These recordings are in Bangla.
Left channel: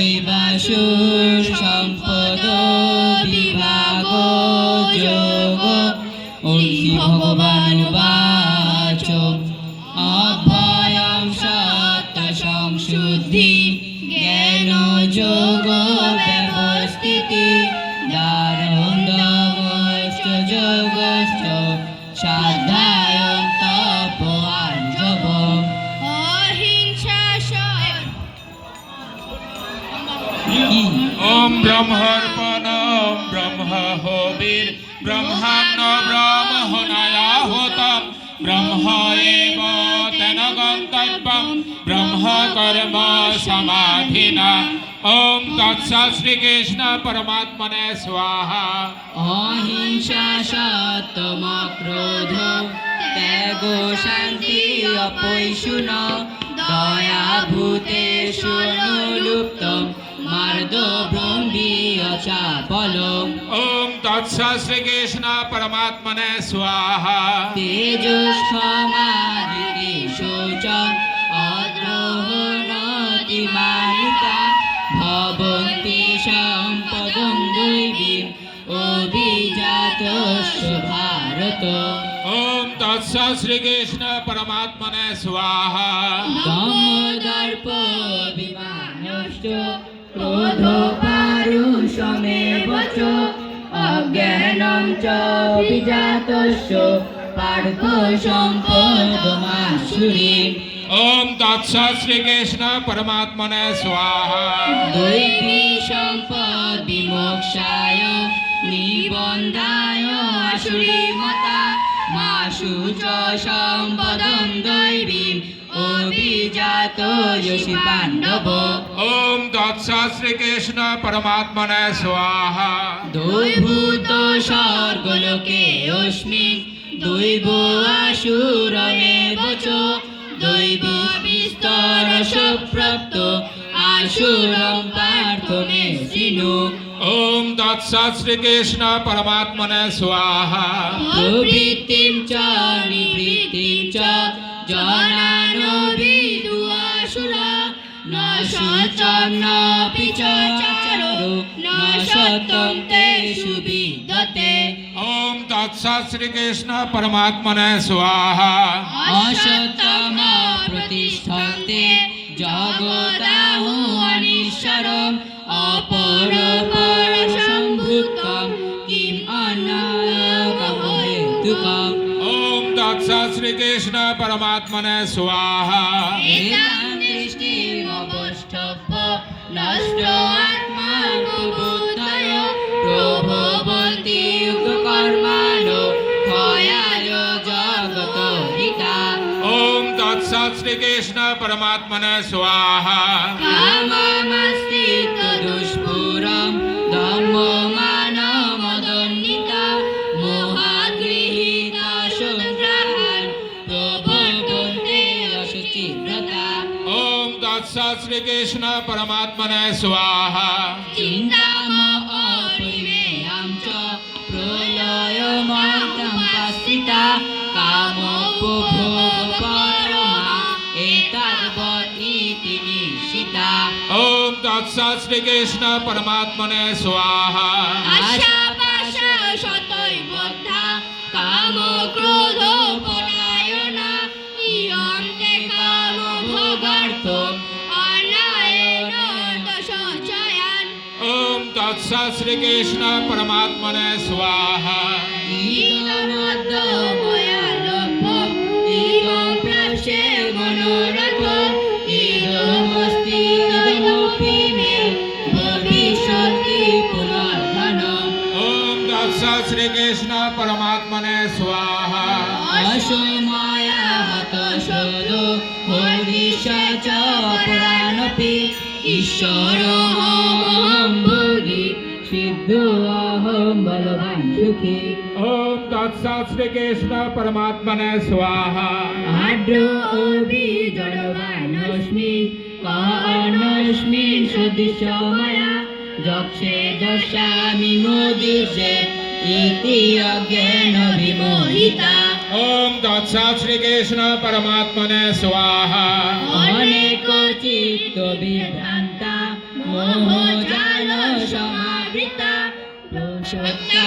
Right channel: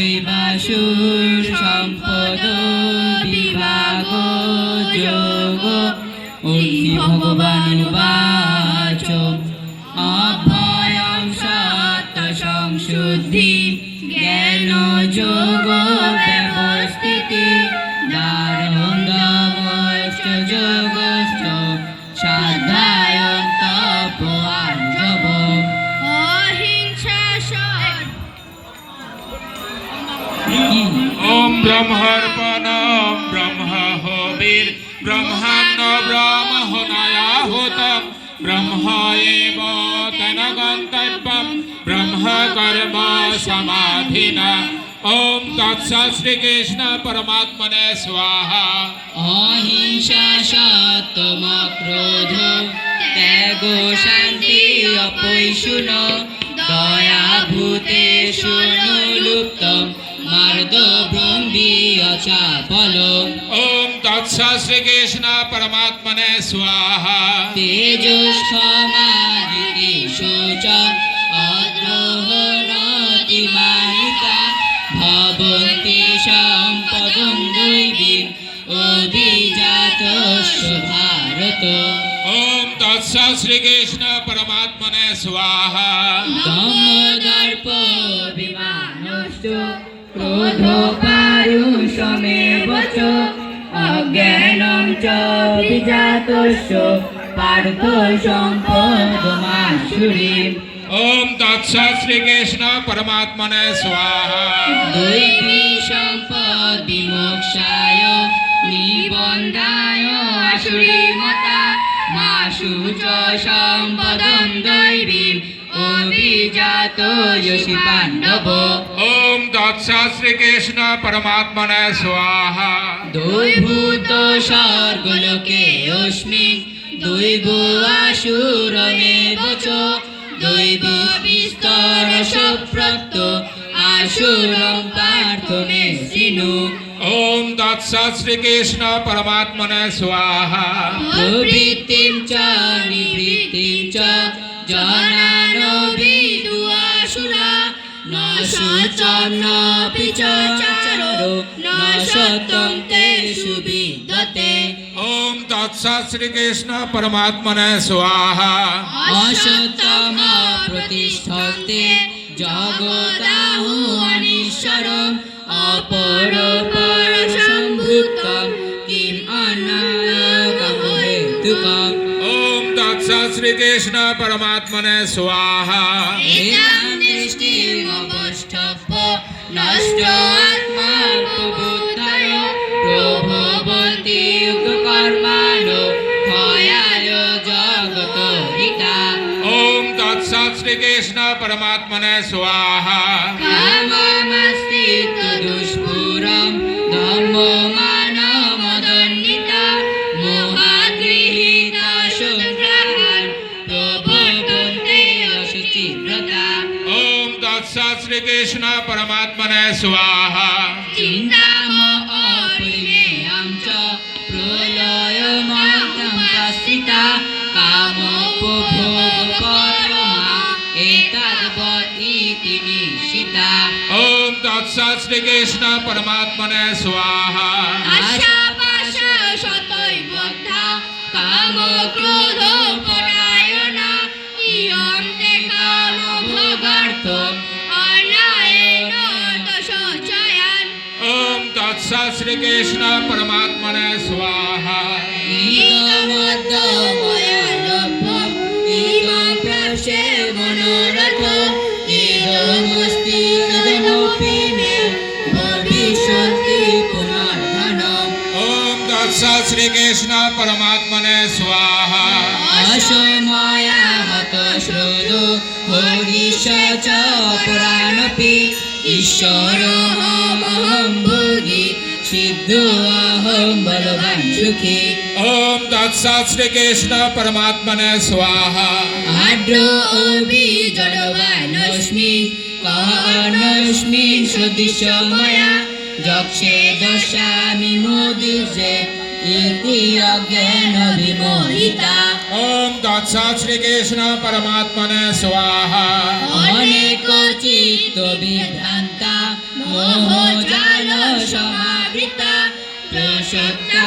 দেবাসুর সম্পদ বিভাগ যোগ। ঐশী ভগবান বাচ ওম ব্রহ্মর্পণম ব্রহ্ম হবির ব্রহ্মান্ন ব্রহ্মণয়াহুতম ব্রহ্ম এব তেন গন্তব্যম। ব্রহ্ম কর্ম সমাধিনা। ওম তৎস শ্রীকৃষ্ণ পরমাত্মনে স্বাহা। অহিংসা সতম ক্রোধ ত্যাগ শান্তি অপৈশুন। দয়া ভূতেষু লুপ্ত মার্দ ব্রহ্মী অচাপল ওম তৎস শ্রীকৃষ্ণ পরমাত্মনে স্বাহা। তেজস্বমাদিতি শোচ অদ্রোহণতিমানিতা ভবন্তি সম্পদং দৈবীম অভিজাতস্য ভারত ওম তৎস শ্রীকৃষ্ণ পরমাত্মনে স্বাহা। দমদর্প বিমানশ্চ ক্রোধ পারুষমেব চ অজ্ঞানং চ বিজাতস্য পার্থ সম্পদমাসুরীম ওম তৎস শ্রীকৃষ্ণ পরমাত্মনে স্বাহা দৈবী সম্পদ বিমোক্ষায় নিবন্ধায় আসুরীমতা মাসু চ সম্পদং দৈবীম অভিজাত যশি পাণ্ডব ওম তৎস শ্রীকৃষ্ণ পরমাত্মনে স্বাহা দৈভূত স্বর্গলোকে অস্মি দৈব আসুরমেব চ দৈব বিস্তর সপ্রাপ্ত আসুরম পার্থ মে সিনু ওম তৎস শ্রীকৃষ্ণ পরমাত্মনে স্বাহা প্রবৃত্তিম চ নিবৃত্তিম চ জনান বিদু আসুরা ন সচন্নপি চ চারো ন সতম তেষু বিদ্যতে ওম তৎস শ্রীকৃষ্ণ পরমাত্মনে স্বাহা। অসতম প্রতিষ্ঠতে জগদাহু অনিশ্বরম অপর পর সম্ভূতম কিম অনাগম হেতুকম ওম তৎস শ্রীকৃষ্ণ পরমাত্মনে স্বাহা এতাং দৃষ্টিমবষ্টভ্য নষ্ট আত্মা প্রবুদ্ধয় প্রভবন্তি কর্মাণো ক্ষয়ায় জগত হিতা ওম তৎস শ্রীকৃষ্ণ পরমাত্মনে স্বাহা ওম তৎস শ্রীকৃষ্ণ পরমাত্মনে স্বাহা আশা পাশা সতই বদ্ধা কাম ক্রোধ পরায়ণা ইয়ন্তে কাম ভোগার্থ ওম তৎস শ্রীকৃষ্ণ পরমাত্মনে স্বাহা ইদমদ্য ময়া লব্ধম ইদম প্রাশে মনোরথ ইদমস্তি ইদমপি মে ভবিষ্যতি পুনর্ধনম ওম তৎস শ্রীকৃষ্ণ পরমাত্মনে স্বাহা অসময়া হত শ্রোদ হরিষ চ পুরাণপি ঈশ্বরমহম ভোগী সিদ্ধ অহম বলবান সুখী ওম তৎস শ্রীকৃষ্ণ পরমাত্মনে স্বাহা। আদ্র অভি জলবানস্মি কনস্মি সদৃশ ময়া যক্ষে দশামি মোদির্যে इति अज्ञान विमोहिता ओम श्रीकृष्ण परमात्मने स्वाहा अनेको चित्त विभ्रांता मोह जाल समावृता प्रसक्ता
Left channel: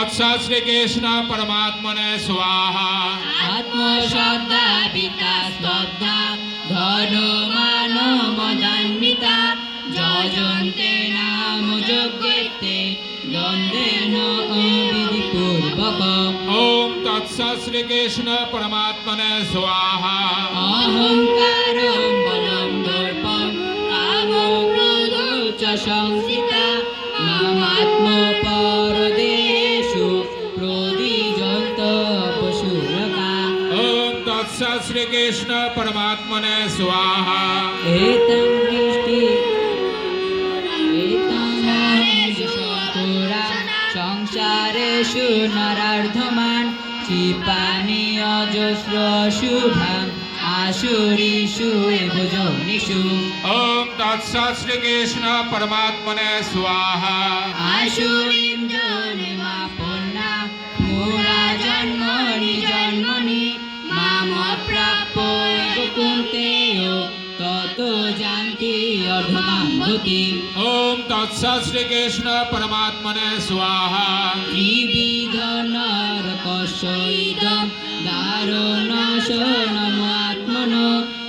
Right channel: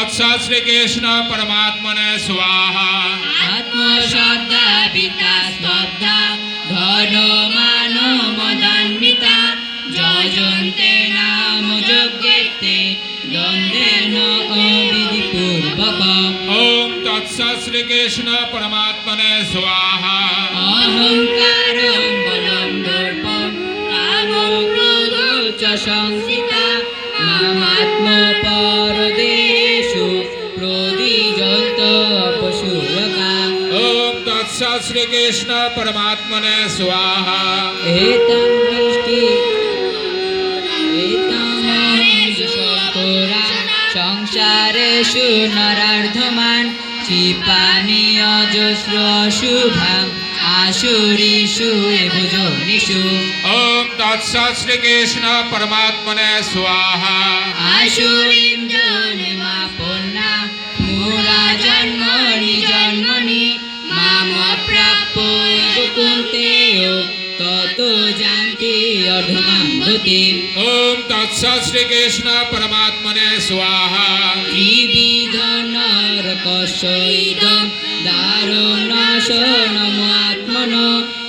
वत्सा श्री कृष्ण परमात्मन स्वाहा आत्मशब्दा पिता स्तब्धा घनो मानो मदान्विता जजन्ते नाम यज्ञेते दण्डेन अविधिपूर्वक ॐ तत्सत् श्रीकृष्ण परमात्मने स्वाहा अहङ्कारं बलं दर्पं कामो क्रोधौ च श्रीकृष्ण परमात्मने स्वाहा एतं दृष्टि एतामहंसकोरा সংসারেষু নরার্ধমান ক্ষিপানি অজস্র শুভাম আশুরিষু ভুজনিষু ओम तत्सत् श्रीकृष्ण परमात्मने स्वाहा আশুরিম জন্মাপন্না श्रीकृष्ण परमात्मने स्वाहा त्रिविधनरकशैदं दारुणशनमात्मनो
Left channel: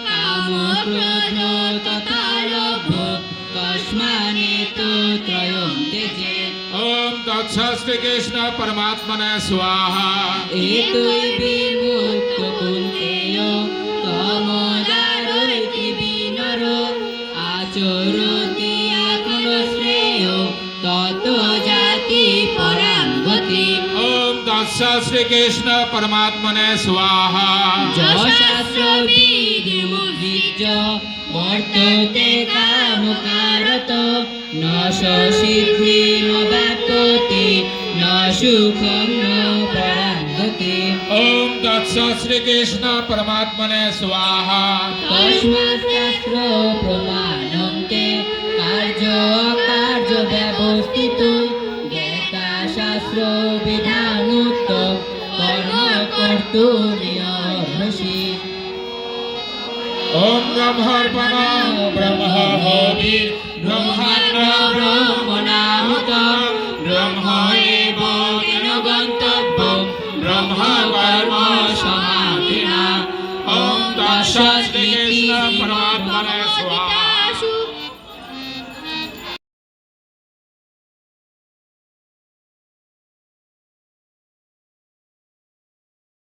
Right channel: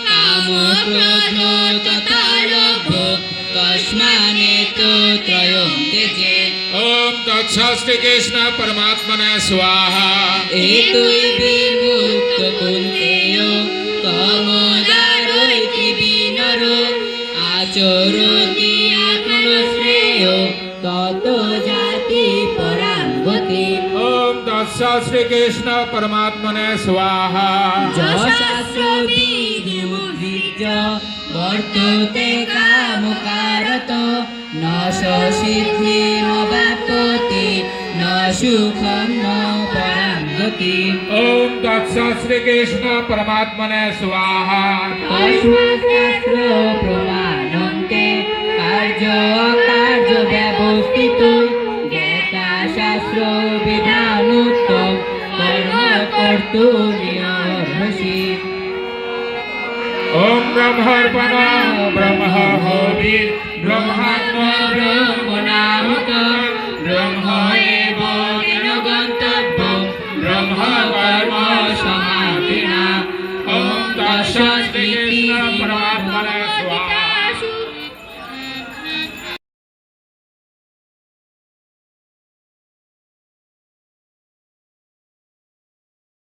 कामक्रोधो तथा लोभो कस्मानेतो त्रयं त्यजे ॐ तत्सत् श्रीकृष्ण परमात्मने स्वाहा एतु શ્રી કૃષ્ણ પરમાત્મને સ્વાહા বর্ততে কাম কারত ন সিদ্ধি ন ব্যাপতি ন সুখম ন পরাঙ্গতি ওম তৎস শ্রীকৃষ্ণ পরমাত্মনে স্বাহা শাস্ত্র প্রমাণন্তে কার্য কার্য ব্যবস্থিত জ্ঞাতা শাস্ত্র বিধান করতো হাসি। ওম ব্রহ্মর্পণ, ব্রহ্ম হবির। ব্রহ্মাণ্ড ব্রহ্মণাহত ব্রহ্ম এব গন্তব্যম ব্রহ্ম কর্ম সমাধিনা। ওম দশ কৃষ্ণ পরমা